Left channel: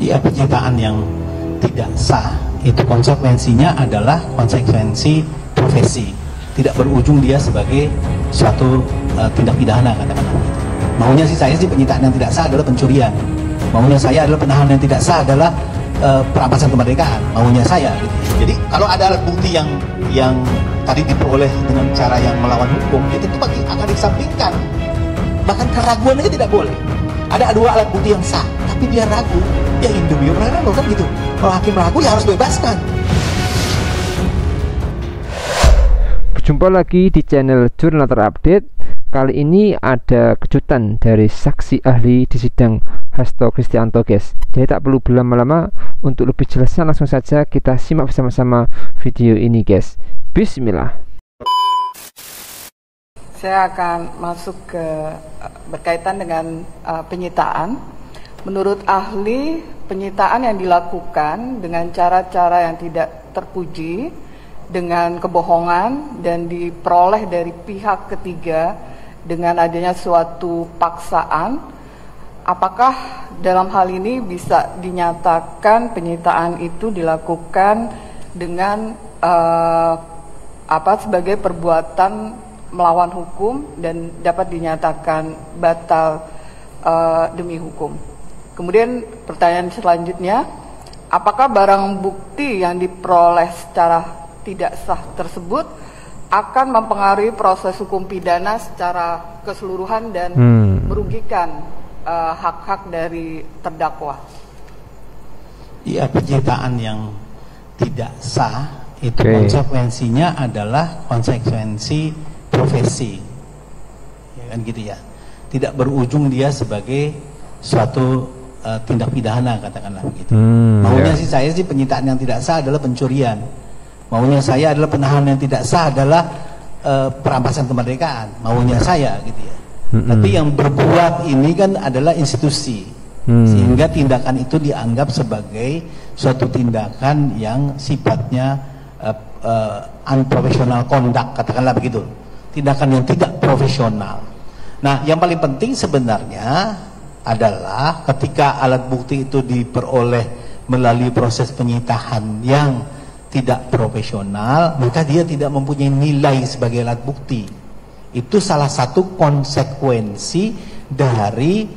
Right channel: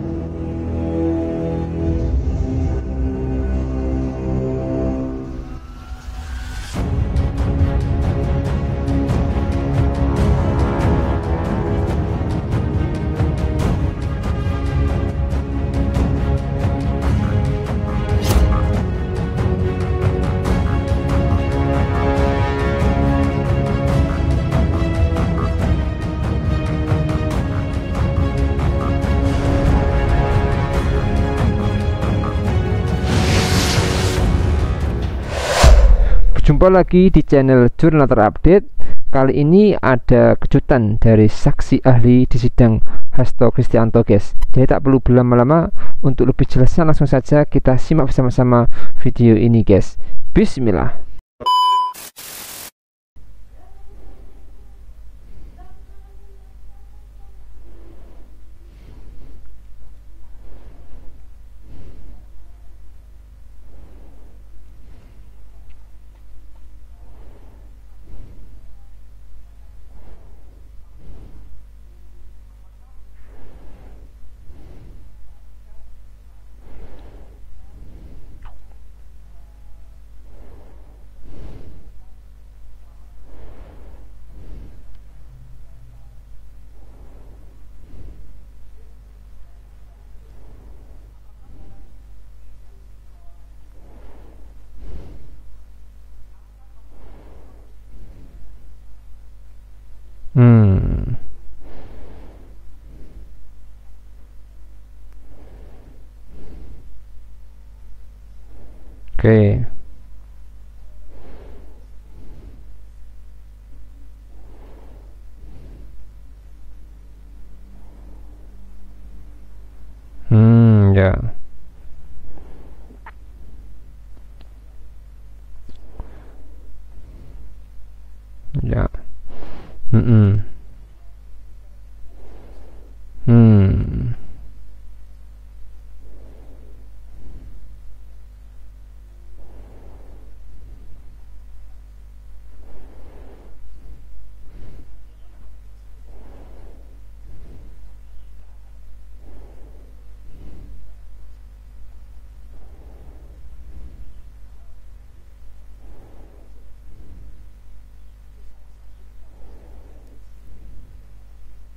Ya, penyitaan yang tidak sah itu konsekuensinya adalah konsekuensi profesi, tidak berujung dia sebagai suatu tindak pidana, katakanlah. Maunya saya sih penyitaan yang tidak sah adalah pencurian, maunya saya adalah penahanan yang tidak sah adalah perampasan kemerdekaan, maunya saya. Jadi kalau ada alat bukti yang tadi diperoleh dengan cara yang melawan hukum, itu akan disampaikan. Bahkan keraguan aja tidak boleh. Ada dua alat bukti yang sah, tapi dia ragu, ya itu dia ragu kan gitu. Kalau hakim ragu ya harus bebaskan. Berjumpa lagi di channel Jurnal Terupdate. Kali ini ada kejutan dari saksi ahli di sidang Hasto Kristianto, guys. Jadi tak perlu berlama-lama, untuk lebih jelasnya langsung saja kita simak bersama-sama video ini, guys. Bismillah. Saya akan masuk ke berkaitan dengan penyitaan. Menurut ahli, penyitaan yang dilakukan dengan cara-cara yang tidak terpuji, dengan kebohongan dan diperoleh dari pihak ketiga dengan adanya suatu paksaan, apakah dalam hal ini bisa dinyatakan penyitaan itu dilakukan dengan sebagai perbuatan melawan hukum dan dapat dinyatakan batal demi hukum. Kemudian pertanyaan selanjutnya, apakah barang bukti yang diperoleh secara tidak sah tersebut akan mempengaruhi proses hukum pidana secara keseluruhan dan merugikan hak-hak dari terdakwa? Iya, penyitaan yang tidak sah itu konsekuensinya adalah konsekuensi profesi, ya kan gitu ya, tidak berujung dia sebagai suatu tindak pidana, katakanlah begitu. Maunya saya sih penyitaan yang tidak sah adalah pencurian, maunya saya adalah penahanan yang tidak sah adalah perampasan kemerdekaan, maunya saya gitu ya. Tapi yang berbuat ini kan adalah institusi, sehingga tindakan itu dianggap sebagai suatu tindakan yang sifatnya unprofessional conduct, katakanlah begitu, tindakan yang tidak profesional. Nah, yang paling penting sebenarnya adalah ketika alat bukti itu diperoleh melalui proses penyitaan yang tidak profesional, maka dia tidak mempunyai nilai sebagai alat bukti. Itu salah satu konsekuensi dari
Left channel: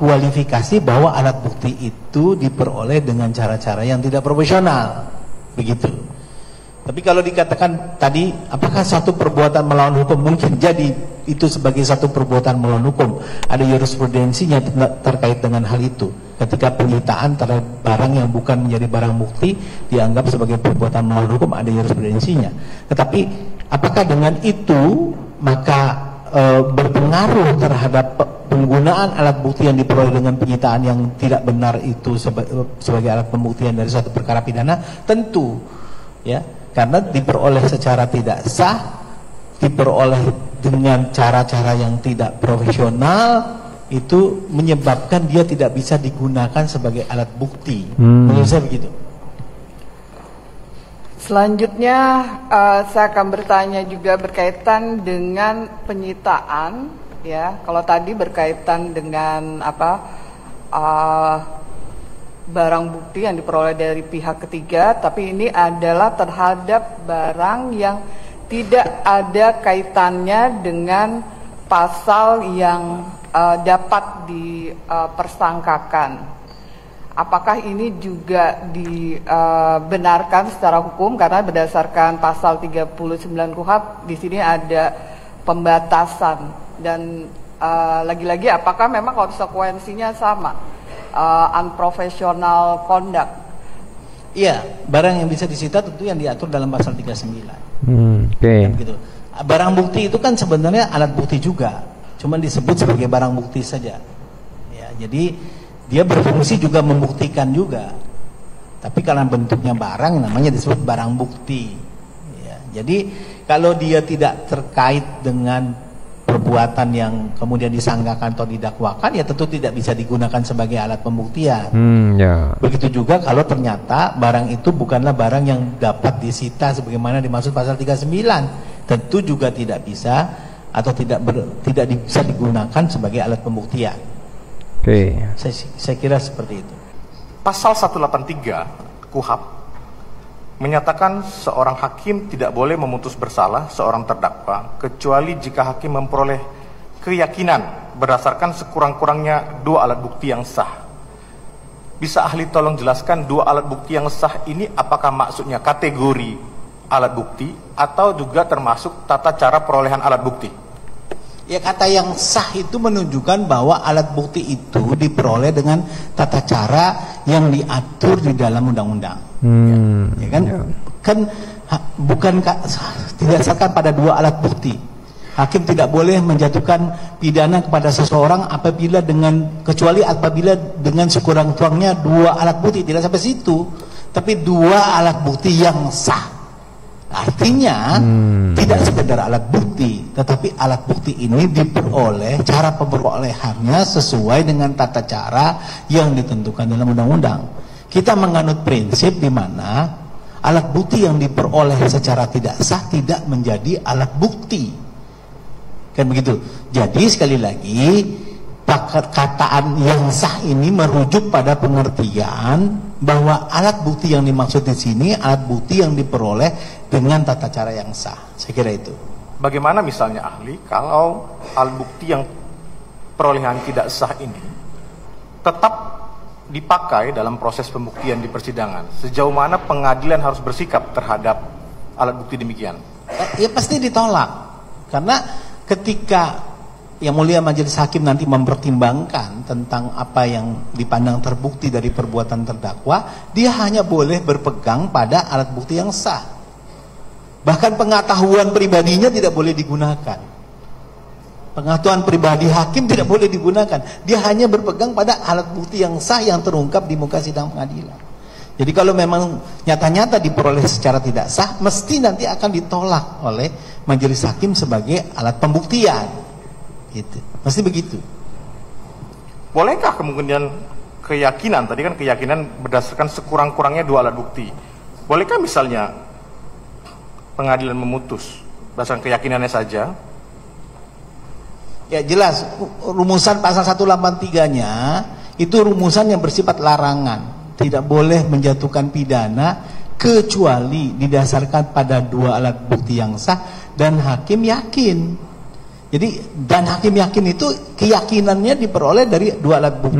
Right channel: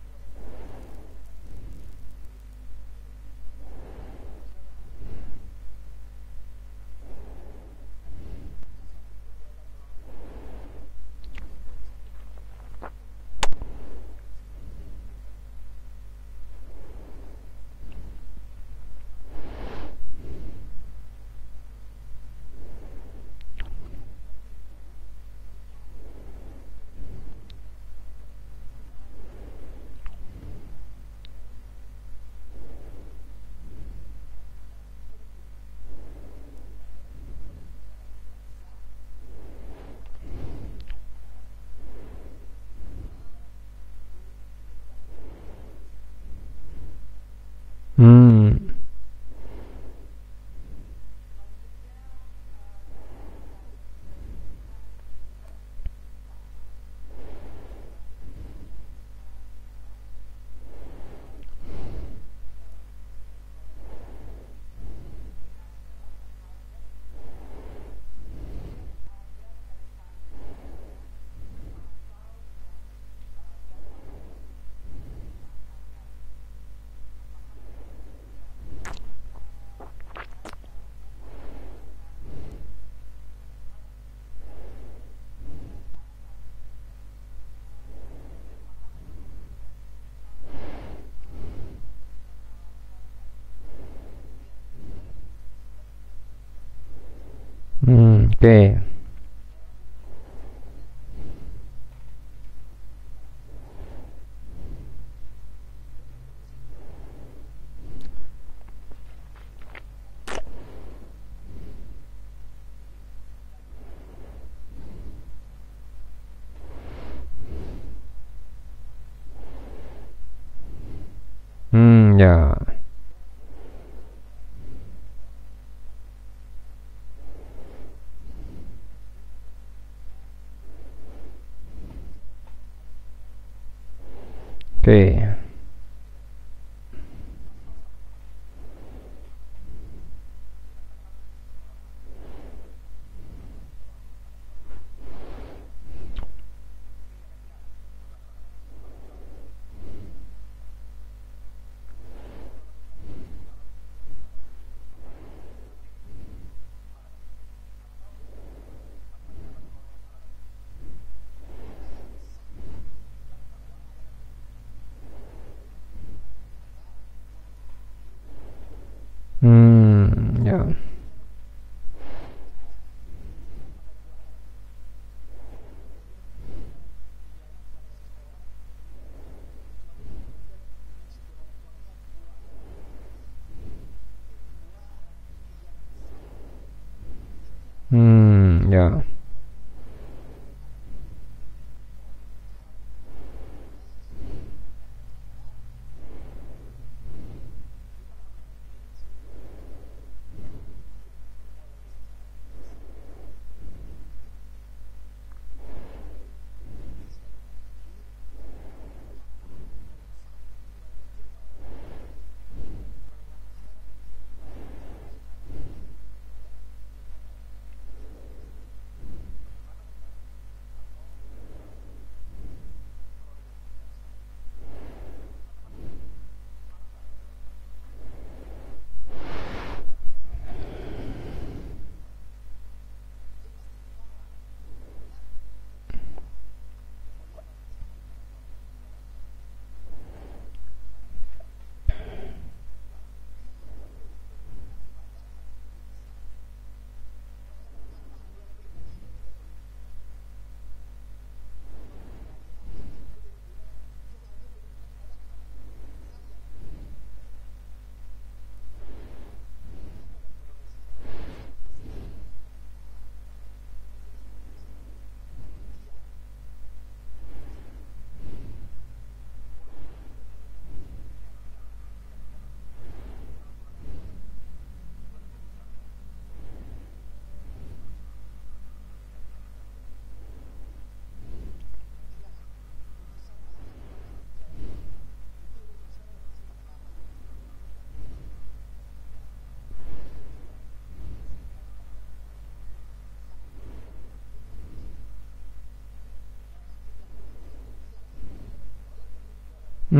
kualifikasi bahwa alat bukti itu diperoleh dengan cara-cara yang tidak profesional, begitu. Tapi kalau dikatakan tadi, apakah satu perbuatan melawan hukum? Mungkin jadi itu sebagai satu perbuatan melawan hukum. Ada jurisprudensinya terkait dengan hal itu. Ketika penyitaan terhadap barang yang bukan menjadi barang bukti dianggap sebagai perbuatan melawan hukum, ada jurisprudensinya. Tetapi apakah dengan itu maka berpengaruh terhadap penggunaan alat bukti yang diperoleh dengan penyitaan yang tidak benar itu sebagai alat pembuktian dari suatu perkara pidana? Tentu, ya. Karena diperoleh secara tidak sah, diperoleh dengan cara-cara yang tidak profesional, itu menyebabkan dia tidak bisa digunakan sebagai alat bukti. Menurut saya begitu. Selanjutnya saya akan bertanya juga berkaitan dengan penyitaan, ya. Kalau tadi berkaitan dengan barang bukti yang diperoleh dari pihak ketiga, tapi ini adalah terhadap barang yang tidak ada kaitannya dengan pasal yang dapat dipersangkakan. Apakah ini juga dibenarkan secara hukum? Karena berdasarkan pasal 39 KUHP di sini ada pembatasan, dan lagi-lagi apakah memang konsekuensinya sama? Unprofessional conduct. Iya, barang yang bisa disita tentu yang diatur dalam pasal 39. Gitu. Barang bukti itu kan sebenarnya alat bukti juga, cuman disebut sebagai barang bukti saja. Ya, jadi dia berfungsi juga membuktikan juga. Tapi karena bentuknya barang, namanya disebut barang bukti. Ya, jadi kalau dia tidak terkait dengan perbuatan yang kemudian disangkakan atau didakwakan, ya tentu tidak bisa digunakan sebagai alat pembuktian. Begitu juga kalau ternyata barang itu bukanlah barang yang dapat disita sebagaimana dimaksud pasal 39, tentu juga tidak bisa atau tidak bisa digunakan sebagai alat pembuktian. Saya kira seperti itu. Pasal 183 KUHP menyatakan seorang hakim tidak boleh memutus bersalah seorang terdakwa kecuali jika hakim memperoleh keyakinan berdasarkan sekurang-kurangnya 2 alat bukti yang sah. Bisa ahli tolong jelaskan 2 alat bukti yang sah ini apakah maksudnya kategori alat bukti atau juga termasuk tata cara perolehan alat bukti? Ya, kata yang sah itu menunjukkan bahwa alat bukti itu diperoleh dengan tata cara yang diatur di dalam undang-undang. Ya kan? Ya. Kan bukan didasarkan pada 2 alat bukti. Hakim tidak boleh menjatuhkan pidana kepada seseorang kecuali apabila dengan sekurang-kurangnya 2 alat bukti. Tidak sampai situ, tapi 2 alat bukti yang sah. Artinya tidak sekedar alat bukti, tetapi alat bukti ini diperoleh, cara pemerolehannya sesuai dengan tata cara yang ditentukan dalam undang-undang. Kita menganut prinsip di mana alat bukti yang diperoleh secara tidak sah tidak menjadi alat bukti. Kan begitu. Jadi sekali lagi perkataan yang sah ini merujuk pada pengertian bahwa alat bukti yang dimaksud di sini alat bukti yang diperoleh dengan tata cara yang sah. Saya kira itu. Bagaimana misalnya ahli kalau alat bukti yang perolehan tidak sah ini tetap dipakai dalam proses pembuktian di persidangan? Sejauh mana pengadilan harus bersikap terhadap alat bukti demikian? Ya pasti ditolak. Karena ketika Yang Mulia Majelis Hakim nanti mempertimbangkan tentang apa yang dipandang terbukti dari perbuatan terdakwa, dia hanya boleh berpegang pada alat bukti yang sah. Bahkan pengetahuan pribadinya tidak boleh digunakan. Pengetahuan pribadi hakim tidak boleh digunakan. Dia hanya berpegang pada alat bukti yang sah yang terungkap di muka sidang pengadilan. Jadi kalau memang nyata-nyata diperoleh secara tidak sah, mesti nanti akan ditolak oleh Majelis Hakim sebagai alat pembuktian. Gitu. Pasti begitu. Bolehkah kemudian keyakinan, tadi kan keyakinan berdasarkan sekurang-kurangnya 2 alat bukti. Bolehkah misalnya pengadilan memutus berdasarkan keyakinannya saja? Ya jelas, rumusan pasal 183-nya itu rumusan yang bersifat larangan. Tidak boleh menjatuhkan pidana kecuali didasarkan pada 2 alat bukti yang sah dan hakim yakin. Jadi dan hakim yakin itu keyakinannya diperoleh dari 2 alat bukti.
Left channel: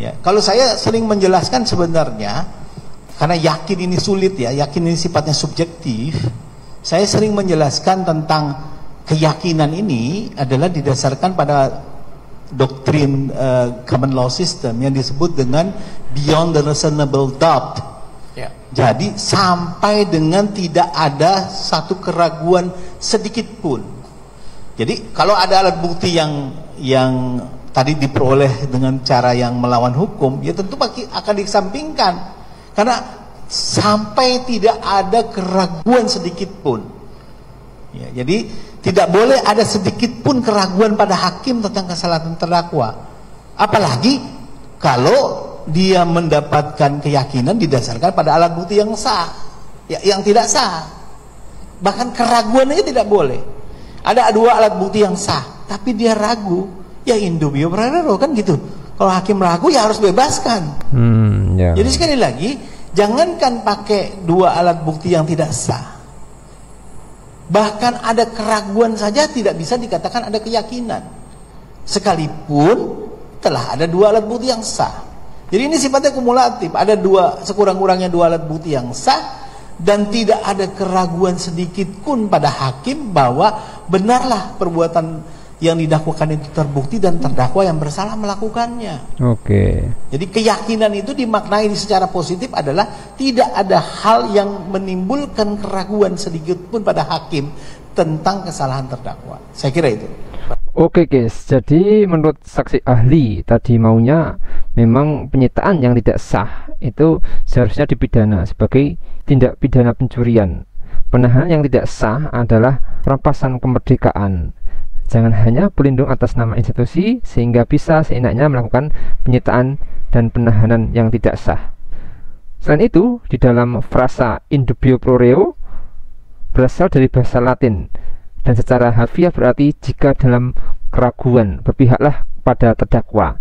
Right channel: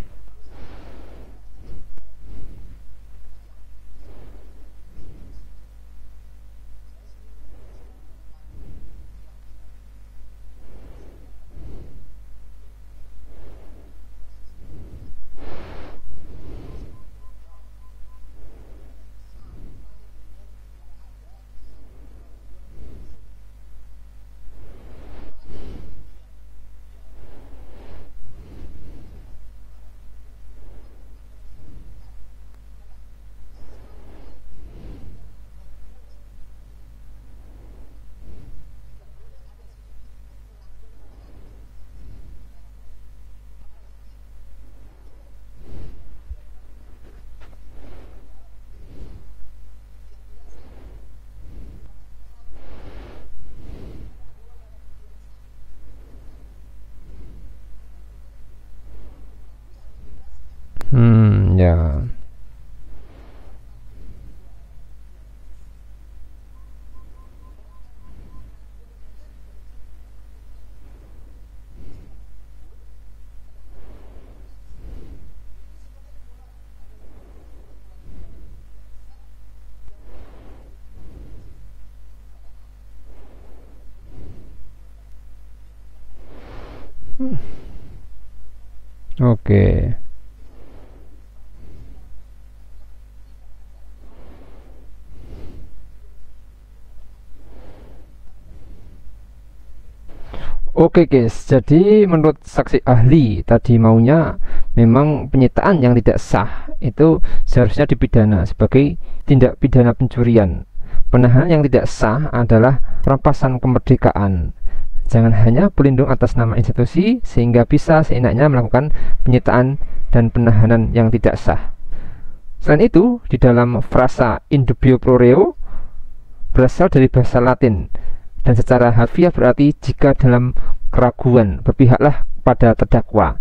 Ya, kalau saya sering menjelaskan sebenarnya karena yakin ini sulit ya, yakin ini sifatnya subjektif. Saya sering menjelaskan tentang keyakinan ini adalah didasarkan pada doktrin common law system yang disebut dengan beyond the reasonable doubt. Ya. Jadi sampai dengan tidak ada satu keraguan sedikit pun. Jadi kalau ada alat bukti yang tadi diperoleh dengan cara yang melawan hukum, ya tentu akan dikesampingkan. Karena sampai tidak ada keraguan sedikit pun. Ya, jadi tidak boleh ada sedikit pun keraguan pada hakim tentang kesalahan terdakwa. Apalagi kalau dia mendapatkan keyakinan didasarkan pada alat bukti yang sah, ya, yang tidak sah. Bahkan keraguan aja tidak boleh. Ada 2 alat bukti yang sah, tapi dia ragu, ya in dubio pro reo kan gitu. Kalau hakim ragu ya harus bebaskan. Jadi sekali lagi, jangankan pakai 2 alat bukti yang tidak sah. Bahkan ada keraguan saja tidak bisa dikatakan ada keyakinan. Sekalipun telah ada 2 alat bukti yang sah. Jadi ini sifatnya kumulatif. Ada sekurang-kurangnya 2 alat bukti yang sah. Dan tidak ada keraguan sedikit pun pada hakim bahwa benarlah perbuatan yang didakwakan itu terbukti dan terdakwa yang bersalah melakukannya. Oke. Jadi keyakinan itu dimaknai secara positif adalah tidak ada hal yang menimbulkan keraguan sedikit pun pada hakim tentang kesalahan terdakwa. Saya kira itu. Oke guys, jadi menurut saksi ahli tadi maunya memang penyitaan yang tidak sah itu seharusnya dipidana sebagai tindak pidana pencurian. Penahanan yang tidak sah adalah perampasan kemerdekaan. Jangan hanya pelindung atas nama institusi sehingga bisa seenaknya melakukan penyitaan dan penahanan yang tidak sah. Selain itu, di dalam frasa in dubio pro reo berasal dari bahasa Latin dan secara harfiah berarti jika dalam keraguan berpihaklah pada terdakwa.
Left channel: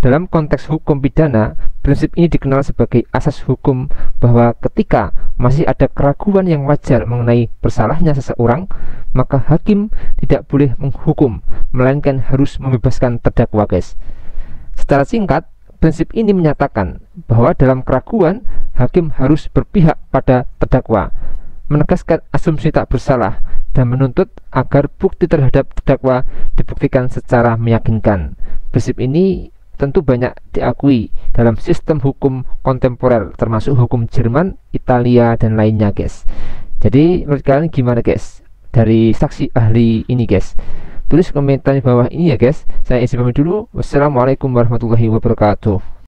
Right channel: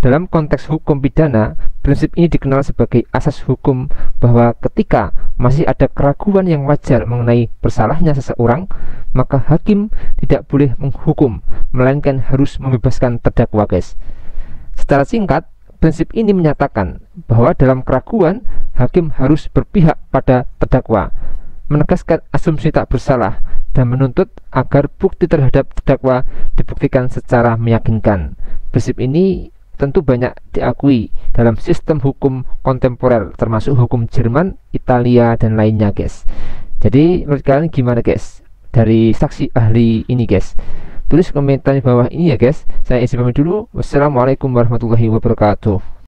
Dalam konteks hukum pidana, Prinsip ini dikenal sebagai asas hukum bahwa ketika masih ada keraguan yang wajar mengenai bersalahnya seseorang, maka hakim tidak boleh menghukum, melainkan harus membebaskan terdakwa, guys. Secara singkat, prinsip ini menyatakan bahwa dalam keraguan, hakim harus berpihak pada terdakwa, menegaskan asumsi tak bersalah, dan menuntut agar bukti terhadap terdakwa dibuktikan secara meyakinkan. Prinsip ini tentu banyak diakui dalam sistem hukum kontemporer, termasuk hukum Jerman, Italia, dan lainnya, guys. Jadi menurut kalian gimana, guys, dari saksi ahli ini, guys? Tulis komentar di bawah ini ya, guys. Saya izin pamit dulu. Wassalamualaikum warahmatullahi wabarakatuh.